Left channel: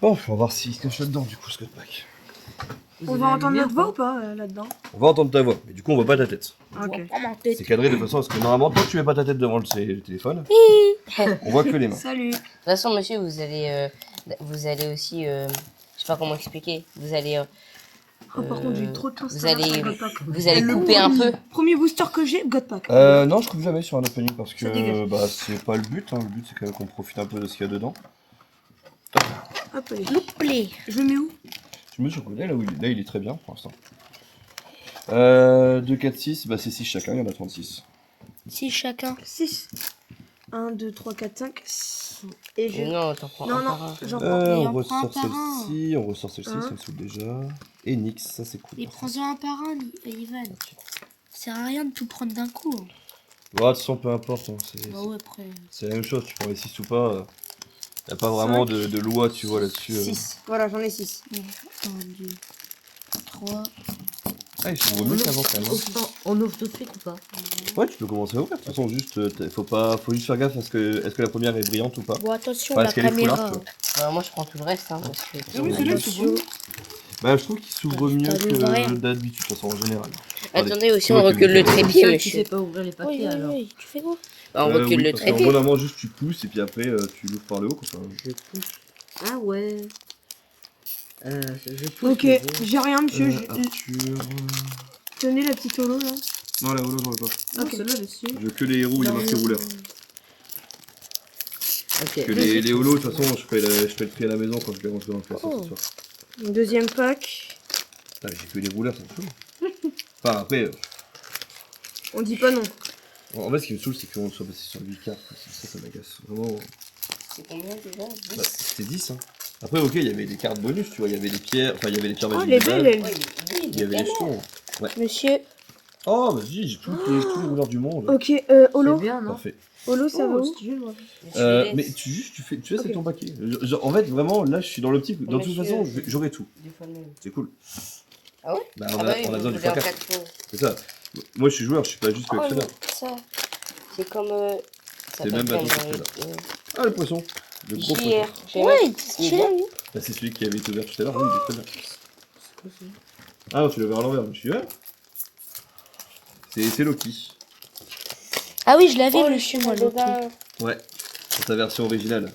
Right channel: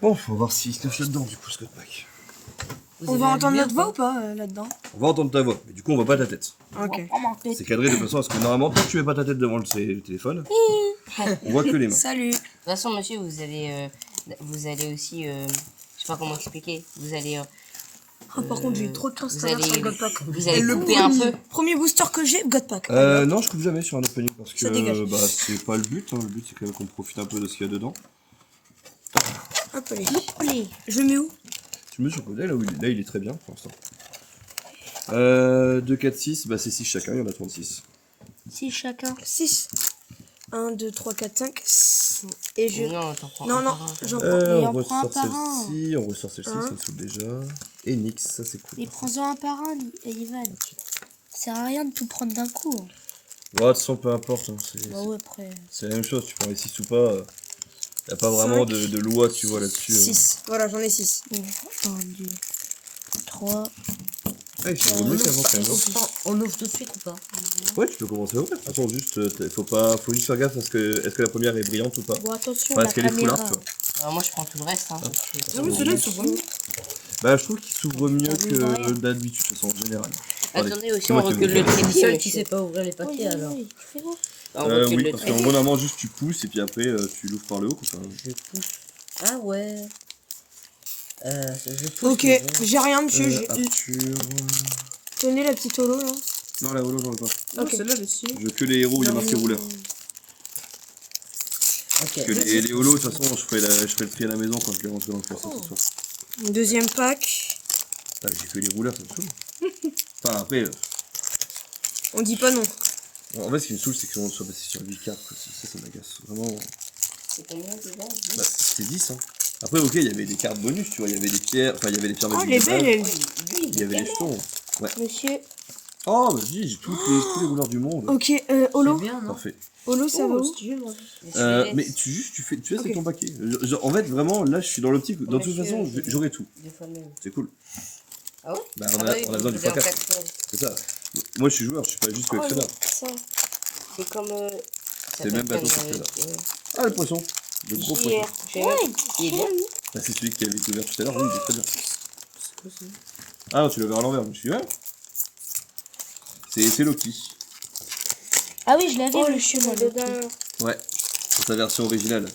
Bon, on va voir s'il se cache là-dedans du coup ce code pack. On va entendre notre voix ou pas là-dedans? On va entendre ta voix, mais du coup on voit pas ta tête. Ok. C'est cadré de façon à ce que normalement, tant que tu mets pas ta tête devant le téléphone, on voit que les mains. Salut. De toute façon, monsieur, vous allez aussi, je sais pas comment expliquer, vous allez, Oh, par contre, j'ai eu trop de chance. vous allez, Godpack. vous allez Le couper un peu. premier booster que j'ai, Godpack. Non, je coupe jamais sur un opening parce Ça dégage. que bah, c'est pas le but. Hein. Le but c'est quand même qu'on profite un peu de ce qu'il y a dedans. Hop, allez. Je le mets où? Je me mets sur le côté, là où il est très bien pour l'instant. 2, 4, 6, bah c'est 6 chacun, il y en a 36. 6 chacun. 6. 1, 2, 3, 4, 5. Et je. Non, t'en prends Non, un non, par un. j'en prends. Et On on prend un ressort par un. celle-ci, on ressort celle-ci, Hein ça me saoule déjà. Et Nix, ça c'est cool. Et prends-en un par un, Ivan. Ça sert à rien de tout prendre d'un coup. Hein. Bon, de toute façon, peu importe, hein, Bah ouais, après. c'est la même chose, tu prends les 6 ou pas. Y a pas vraiment de loi, tu vois, là-dessus. 6. Voilà, j'en ai 6. 1, 2, 3. Ah, il faut mieux qu'avant quand même. On ouvre de suite ou pas? Ouais, tu peux commencer à ouvrir. De toute façon, juste, faut juste faire gaffe à est-ce que la première est brillante ou pas. Bon, attention, Enfin, la est-ce qu'elle est caméra. foulard, tu vois. Bah, moi, je prends tout le reste. Hein, parce que- Ah oui, celui-là, il s'ouvre. Bah, je trouve qu'il s'ouvre mieux t'as vu ouvrir. que d'habitude, de toute façon, en général. Attendez, aussi, c'est on moi qui recule me le fais. trépied, Qui monsieur. sait pas ouvrir les papiers Oui, alors? oui, tu fais quoi? On recule Oui, le parce qu'en trépied. gros, normalement, juste tu pousses et puis après, tu l'ouvres par le haut. Quoi. Enfin, Je pousse. Ah ouais. Je pousse, Ok, mais bon. j'ai rien, monsieur. Arthur... Tenez la petite holo là. Non, la holo, j'en veux pas. Ok, celle-là, elle est dessus. Je veux que les héros où il y a marqué rouleur. Ok. Parce que les holos, de toute façon, je ferai le tri à la maison quand je les rentrer dans le classeur ce soir. Deuxième pack. Putain, mais j'ai que les rouleurs, ça me saoule. Enfin, après, On dit pas non. en fait, ce qui me saoule, c'est qu'on soit passé sur 8 cartes. Quoi. Ça m'agace. Vraiment. C'est combien déjà Bah, c'était 10. Hein. Après, ok, il y avait des cartes bonus, tu vois. Il y avait des pierres. Enfin, il y avait des pierres Oh, magiques elle est de belle, base. elle. Il y avait les jetons. Ouais. Monsieur, Oh, vas-y, j'ai tous les rouleurs du monde. Ok, C'est holo. bien, non? Parfait. Holo, ça va où? Mais tu laisses avec ton paquet. En fait, vraiment, là, je suis dans l'optique. Dans toute façon, j'aurai tout. C'est cool. Ah ouais? Bah, Ah on bah a oui, besoin du vous voulez en x4. 4 tours. C'est ça. Moi, je suis joueur, je suis pas juste collectionneur. ça. C'est comme. C'est le même bateau que celui-là. Ah, le poisson. Le gros poisson. Ouais, il est bien. Bah, c'est celui qui avait été ouvert tout à l'heure. Oui, il est très bien. Ah non, tu l'as ouvert à l'envers. Je suis ouais. C'est Loki. Ah oui, je l'avais, Oh, monsieur, moi, le le bain. Ouais. C'est sa version originale.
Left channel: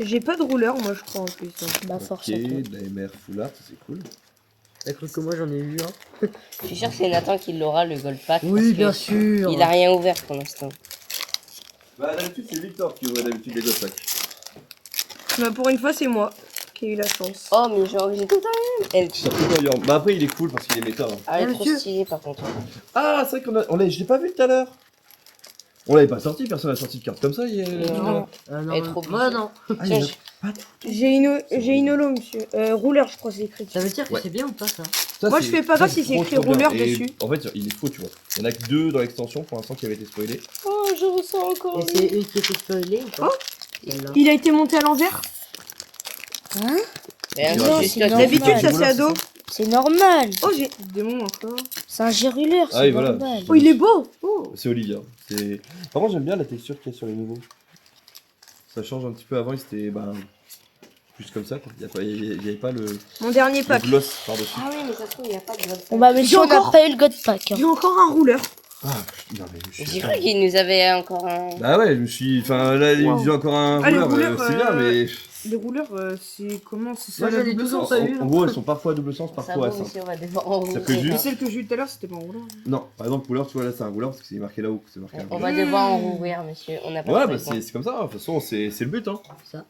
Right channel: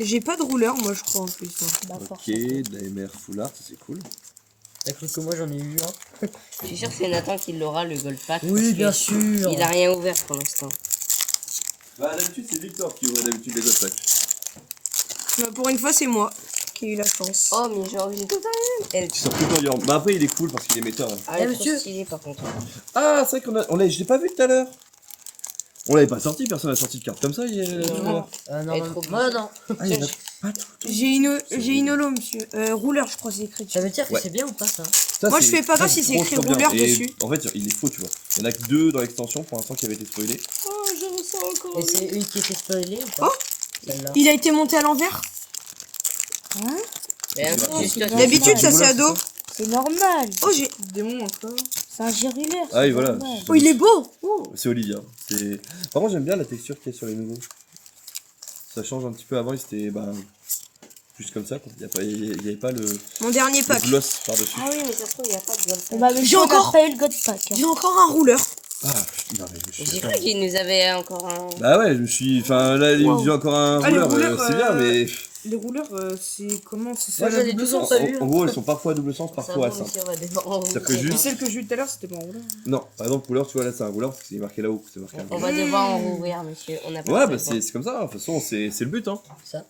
J'ai pas de rouleur, moi, je crois en plus. Bah, Ok, forcément. de la MR full art, ça c'est cool. Écoute que moi j'en ai eu un. Je suis sûr que c'est Nathan qui l'aura, le gold pack. Oui, parce bien que sûr. Il a rien ouvert pour l'instant. Bah, d'habitude, c'est Victor qui ouvre d'habitude les God packs. Bah, pour une fois, c'est moi qui ai eu la chance. Oh, mais j'ai tout un. Elle. Tu sors tout en York. Bah, après, il est cool parce qu'il est méta. Hein. Ah, elle est trop monsieur. stylée par contre. Ah, c'est vrai je l'ai pas vu tout à l'heure. On l'avait pas sorti, personne n'a sorti de carte comme ça. Non. Ah non, Elle est trop moi non. Ah, il y en a pas tout. J'ai une holo, monsieur. Rouleur, je crois, c'est écrit dessus. Ça veut dire que Ouais. c'est bien ou pas ça? Ça, Moi, je fais pas gaffe si c'est écrit rouleur bien. Et dessus. En fait, il est faux, tu vois. Il y en a que 2 dans l'extension pour l'instant qui avaient été spoilés. Oh, je ressens encore. Et c'est une qui était spoilée ou pas? Celle-là. Il a été monté à l'envers. Hein? Mais Non, juste c'est D'habitude, ça normal. c'est à dos. C'est normal. Oh, j'ai. Démon encore. C'est un géruleur, Ah c'est oui, voilà. normal. Oh, il est beau. C'est Olivia. Par contre, j'aime bien la texture qu'il y a sur les nouveaux. Ça change un petit peu. Avant, c'était juste comme ça. Quoi. Il n'y avait pas le Mon dernier pack. gloss par-dessus. Ah oui, mais ça se trouve, il n'y a pas de gold Bon bah, monsieur, on n'a encore- pas eu le God Pack. Hein. J'ai encore un rouleur. Ah, non, mais je suis J'ai fan. cru qu'il nous avait encore un. Bah ouais, je me suis. Enfin, là, il me dit encore un Ah, les rouleur, rouleurs, c'est bien, mais. Les rouleurs, c'est comment? C'est Moi, ça la j'en ai double deux sens. T'as vu, En gros, elles sont parfois à double sens, Ça parfois à va, simple. monsieur, on va devoir. Ça fait Et juste. celle que j'ai eu tout à l'heure, c'était pas un rouleur. Non, par exemple, rouleur, tu vois, là, c'est un rouleur parce que c'est marqué là-haut. C'est marqué On là. va devoir en rouvrir, monsieur. On a pas Ouais, de bah temps. c'est comme ça, de toute façon, c'est le but, hein. Ça.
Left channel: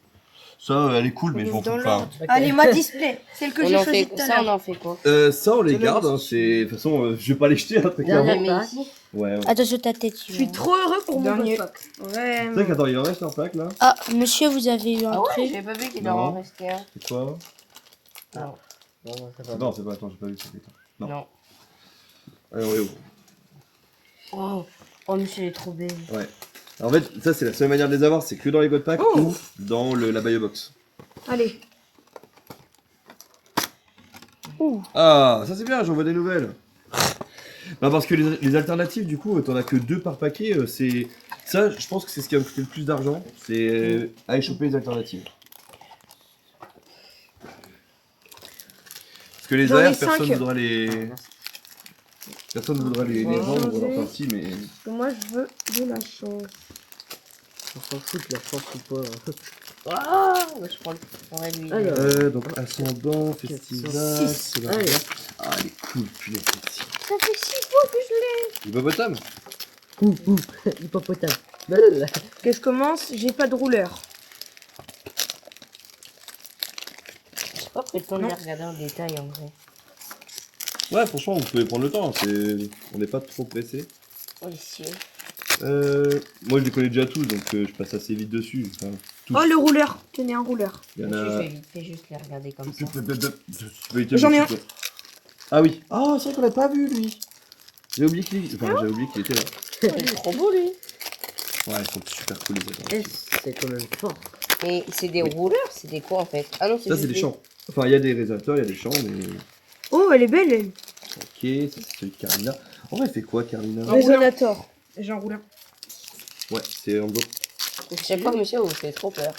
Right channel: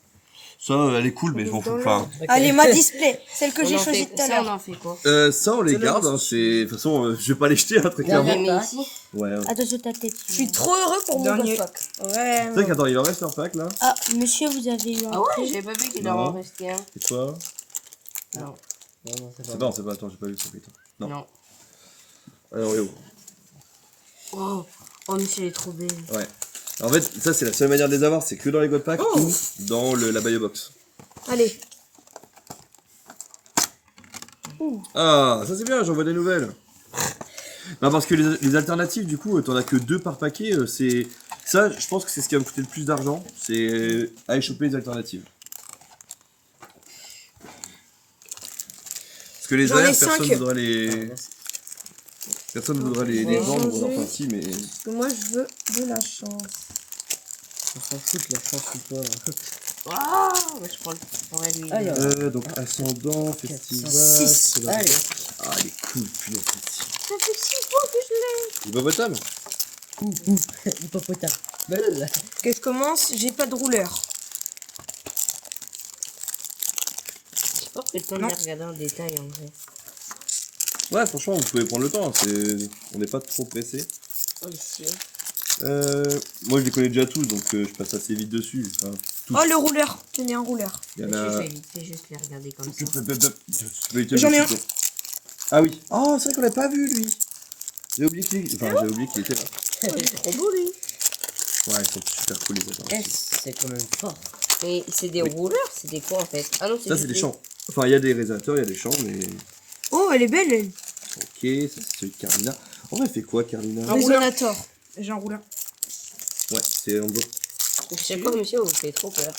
Ça, elle est cool, mais je m'en fous. Enfin, Allez, ma display. Celle que On j'ai en choisie fait- tout à Ça, on l'heure. en fait quoi? ça, on les C'est le garde, hein, c'est. De toute façon, je vais pas les jeter, hein, très Non, clairement. mais ici. Ouais, ouais. Attention ta tête. Je suis trop heureux pour mon Dernier. pack. Ouais. C'est vrai qu'attends, il en reste un pack là. Ah, monsieur, vous avez eu un Ah ouais, truc. j'avais pas vu qu'il Non. doit en rester un. C'est quoi? Non. Non, non, c'est pas Non, c'est pas, attends, j'ai pas vu ça. Putain. Non. Non. Alors, oui, Oh, oh, monsieur, elle est trop belle. ouais. En fait, ça, c'est la seule manière de les avoir, c'est que dans les God Packs Oh. ou dans la Bio Box. Allez. Ah, ça c'est bien, j'en vois des nouvelles. Bah parce que les alternatives, du coup, t'en as que 2 par paquet, c'est... Ça, je pense que c'est ce qui va me coûter le plus d'argent, c'est aller choper les alternatives. Parce que les J'en ai AR, cinq. personne voudra les Ouais, vendre, changer. enfin si, mais... Moi, je veux de la chance. On s'en fout de la chance ou pas. Waouh, bah, je prendrais lui. Alors. Donc ascendant, festival... Six. c'est la- Allez. Ah, elle est cool, punaise, celle-ci. Ça fait 6 fois que je l'ai. Hippopotame. Hippopotame. Que je commence, j'ai pas de rouleur. J'ai pas pris le temps de Non. les regarder en détail en vrai. Ouais, franchement, vous pouvez prendre le temps, hein, on n'est pas trop pressé. Oh, ici. Moi, je les connais déjà tous, donc je passe assez vite dessus. Enfin, tous. Oh, le rouleur. Tenez un rouleur. Il y en Monsieur, je a... vais vite fait juste les regarder comme ça. J'en ai un. Ah oui. Ah, c'est vrai qu'on l'a pas vu, lui. J'ai oublié qu'il était là. Il est trop beau lui. Ouais, ils sont super cool, les autres. C'est quand même fort. Et c'est des rouleurs, c'est des quoi en fait? Ah non, Ça, c'est des champs. Enfin, il y a des réalisateurs, il y a des champs, mais... Oh, elle est belle, elle. Ok, ça, c'est celui de Carlina. En vrai, elle fait quoi, Carlina? Un Résonator. J'ai un rouleur. Ouais, c'est en dos. Je sais pas, monsieur, vous faites trop peur.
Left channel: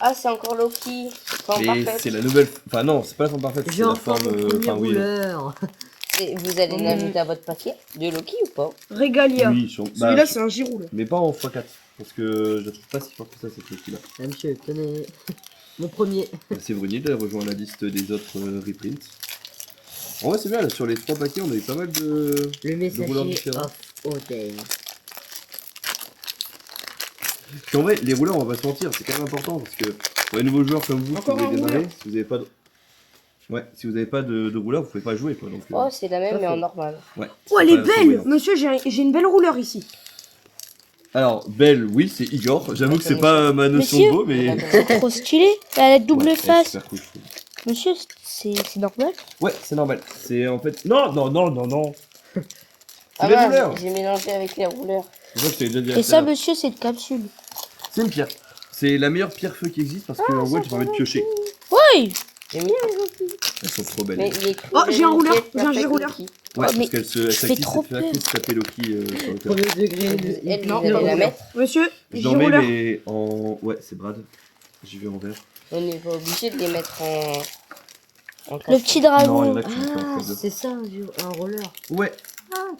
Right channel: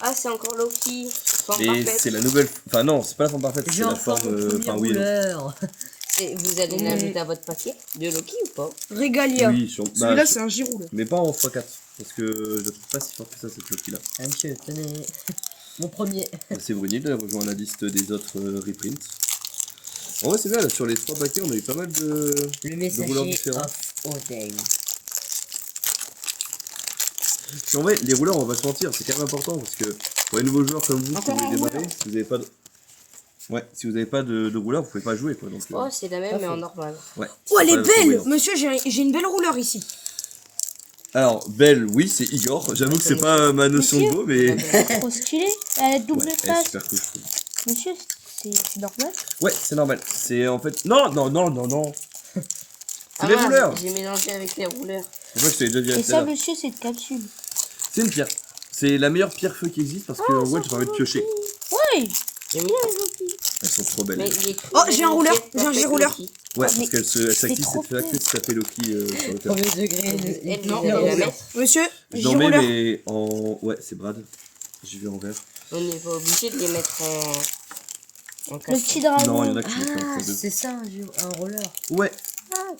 Ah, c'est encore Loki. Forme Et parfaite. c'est la nouvelle... Enfin, non, c'est pas la forme parfaite, c'est J'ai la enfin forme... mon premier Enfin, oui. rouleur. Et vous allez l'ajouter à votre paquet de Loki ou pas? Régalia. Oui, Celui-là, c'est un girouleur. mais pas en x4. Parce que je trouve pas si fort que ça, cette Loki-là. Ah, monsieur, tenez. Mon premier. C'est Brunil, elle rejoint la liste des autres reprints. En vrai, c'est bien, là, sur les 3 paquets, on a eu pas mal de... Le rouleurs messager différents. of Odin. Puis en vrai, les rouleurs, on va se mentir, c'est quand même important parce que pour les nouveaux joueurs comme vous, Encore qui un voulez démarrer, rouleur. si vous avez pas de... Ouais, si vous avez pas de rouleur, vous pouvez pas jouer, quoi. Donc, Oh, c'est la même mais en normal. ouais. Oh, c'est elle est pas trop belle. brillant. Monsieur, j'ai une belle rouleur ici. Alors, belle, oui, c'est Igor. J'avoue que c'est pas ma notion de beau, mais... Trop stylé. Elle a double Ouais, elle est face. super cool, je trouve. Monsieur, c'est normal. Ouais, c'est normal. C'est en fait... Non. Ah, les mince, rouleurs. j'ai mélangé avec les rouleurs. En fait, je t'avais déjà dit à Et tout à ça, l'heure. monsieur, c'est une capsule. C'est une pierre. C'est la meilleure pierre feu qui existe parce que en gros, tu permet de piocher. Oui. J'aime bien les Loki. Elles sont trop belles. Mais il est écrit. Oh, j'ai un rouleur, Loki, j'ai un perfect girouleur. Loki. Ouais, Oh, mais parce qu'elle se fait trop fait actif de taper Loki sur le cœur. Premier degré. Elle, Non, vous allez pas la rouleur. mettre. Monsieur, Je l'en mets, girouleur. mais en... Ouais, c'est Brad. J'y vais en vert. On n'est pas obligé de les mettre en Le casque. petit Non, il y dragon. en a qui mettent en Ah, bleu. c'est ça un roller. Ouais.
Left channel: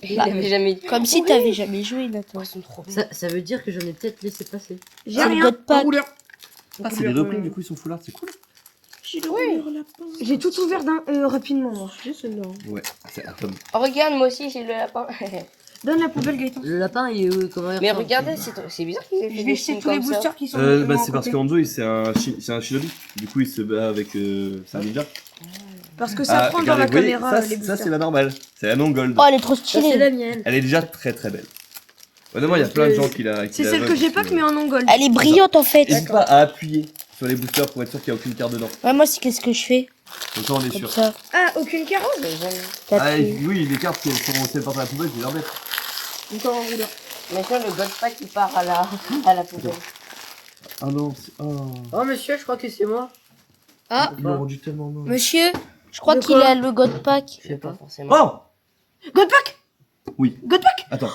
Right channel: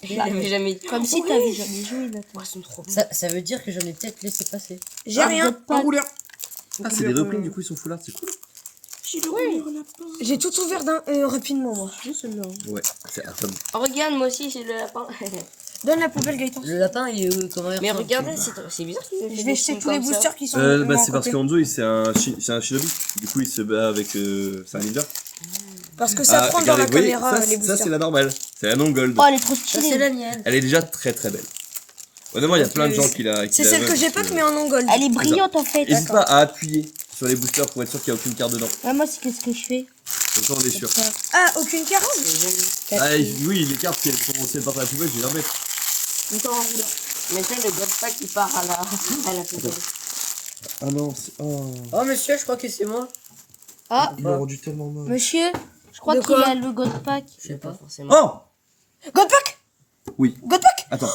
Il avait jamais dit. Comme si t'avais jamais joué, Nathan. Ils sont trop beaux. Ça veut dire que j'en ai peut-être laissé passer. J'ai Un rien. code Un pack. rouleur. Ah, c'est des reprints, du coup, ils sont full art, c'est cool. J'ai le rouleur lapin. J'ai tout ouvert rapidement. Moi. Juste celle-là. Ouais, c'est Atom. Oh, regarde, moi aussi j'ai le lapin. Donne la poubelle, Gaëtan. Le lapin, il est comment il Mais ressemble regardez, c'est bizarre qu'il ait fait Je des vais jeter signes tous les comme ça. boosters qui sont. Bah, à c'est parce côté. qu'Anzo, c'est un shinobi. Du coup, il se bat avec... c'est un ninja. Parce que ça prend dans regardez, la vous voyez, caméra les ça, boosters. c'est la normale. C'est la non gold. Oh, elle est trop Ça, c'est stylée. la mienne. Elle est déjà très très belle. Honnêtement, il y a plein de gens qui la... C'est celle que j'ai pas mais en non gold. Elle est brillante en fait. N'hésite pas à appuyer sur les boosters pour être sûr qu'il n'y a aucune carte dedans. Ouais, moi, c'est qu'est-ce que je fais Comme ça, on est comme sûr. ça. Ah, aucune carte. Mais j'aime. Quatre Ah, filles. oui, les cartes qui sont celles par la poubelle, je vais les remettre. Encore un rouleur. Maintenant, le god pack il part à la poubelle. Ah non, c'est... Oh. Oh, monsieur, je crois que c'est moi. Ah, Ils l'ont rendu tellement mal. monsieur, je crois De qu'il quoi a le God Pack. Je sais pas. forcément. Oh Godpack. Oui. Godpack. Attends,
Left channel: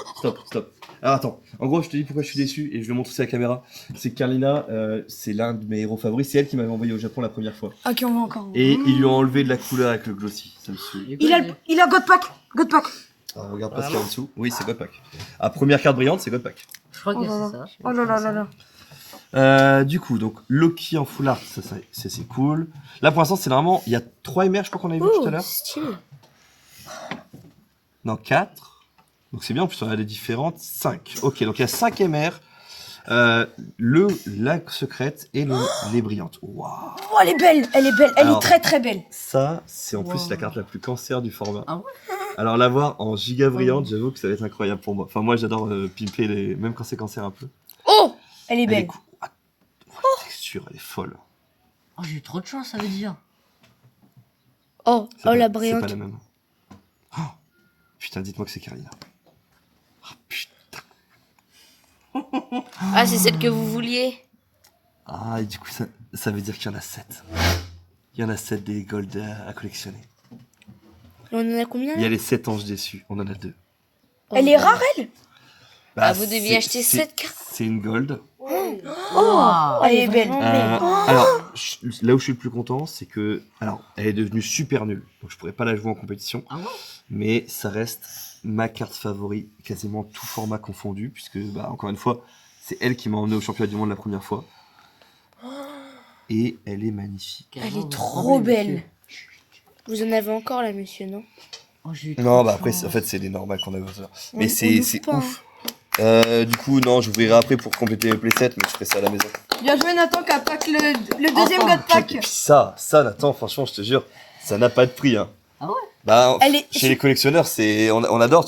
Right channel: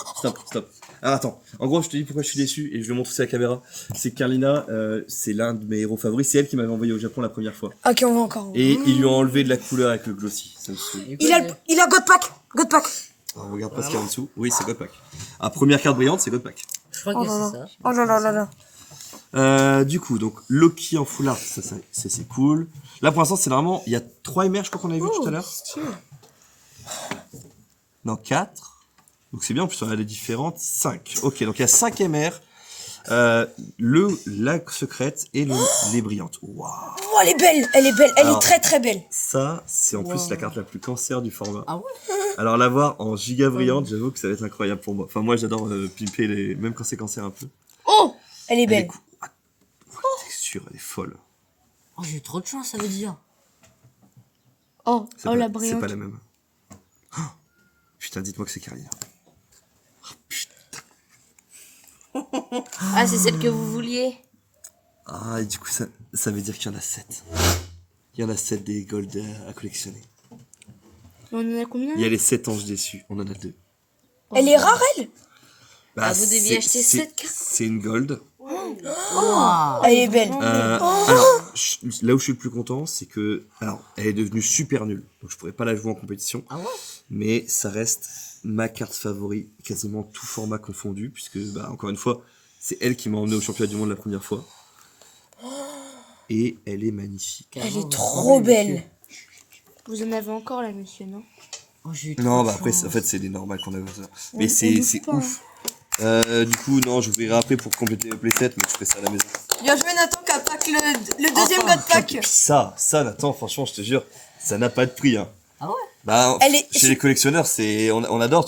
stop. Alors attends, en gros, je te dis pourquoi je suis déçu et je le montre aussi à la caméra. C'est que Carlina, c'est l'un de mes héros favoris. C'est elle qui m'avait envoyé au Japon la première fois. Ok, on va encore. un. Et ils lui ont enlevé de la couleur avec le glossy. Ça me saoule. Il a Godpack. Godpack. Alors, regarde pas ce qu'il y a en dessous. Oui, c'est Godpack. Ah, première carte brillante, c'est Godpack. Je crois que c'est ça. Oh là là là là. Du coup, donc Loki en foulard, ça c'est cool. Là pour l'instant, c'est vraiment. Il y a 3 MR, je crois qu'on avait vu tout à l'heure. Stylé. Non, 4. Donc c'est bien, en plus on a des différentes. 5. Ok, donc il y a 5 MR. La secrète et les brillantes. Waouh. Oh, elle est belle. Elle est belle. Elle Alors, est très très belle. Ça, c'est en plus la carte la plus cancer du format. Ah ouais. Alors l'avoir en giga brillante, j'avoue que ça va être incroyable pour moi. Enfin moi j'adore pimper les... même quand c'est cancer un peu. Oh, elle est Elle est belle. cool. Ah, la texture, elle est folle. Oh, j'ai eu trop de chance, ça veut dire. Oh, C'est oh pas- la C'est brillante. pas la même. Oh, putain, dites-moi que c'est Carlina. Oh, putain. Ah, c'est celle que vous vouliez. Ah, et du coup, ça veut dire qu'il y en a 7. Il y en a 7 des gold à collectionner. On en a combien Il y a les 7 anges déçus. On en a 2. Elle est rare, elle. Ah, vous deviez acheter 7 cartes. C'est une gold. Wow. Elle est belle. Alors, là où je suis le plus content, c'est que, alors, elle est devenue super nulle, donc je pourrais pas la jouer en compétition, Ah ouais? mais ça reste ma carte favori, quasiment tout format confondu, puisque, bah, encore une fois, c'est elle qui m'a emmené au championnat du monde la première fois. Et elle est magnifique. Carrément, est trop monsieur. belle. Vous en avez encore là, monsieur, non? Oh, j'ai eu trop Non, de bah après, chance. en fait, c'est des normales qu'on a ça. Mais On c'est ouvre pas, ouf. Du coup, non, j'ouvrirai après pour compléter mes playsets, mais je ferai ça à la maison. Bien joué, Nathan, qui a pack le deuxième Enfin, god pack. Et puis ça, Nathan, franchement, je te jure, ça n'a pas de prix. Hein. Ah ouais? Bah, Elle est- chez les collectionneurs, on adore.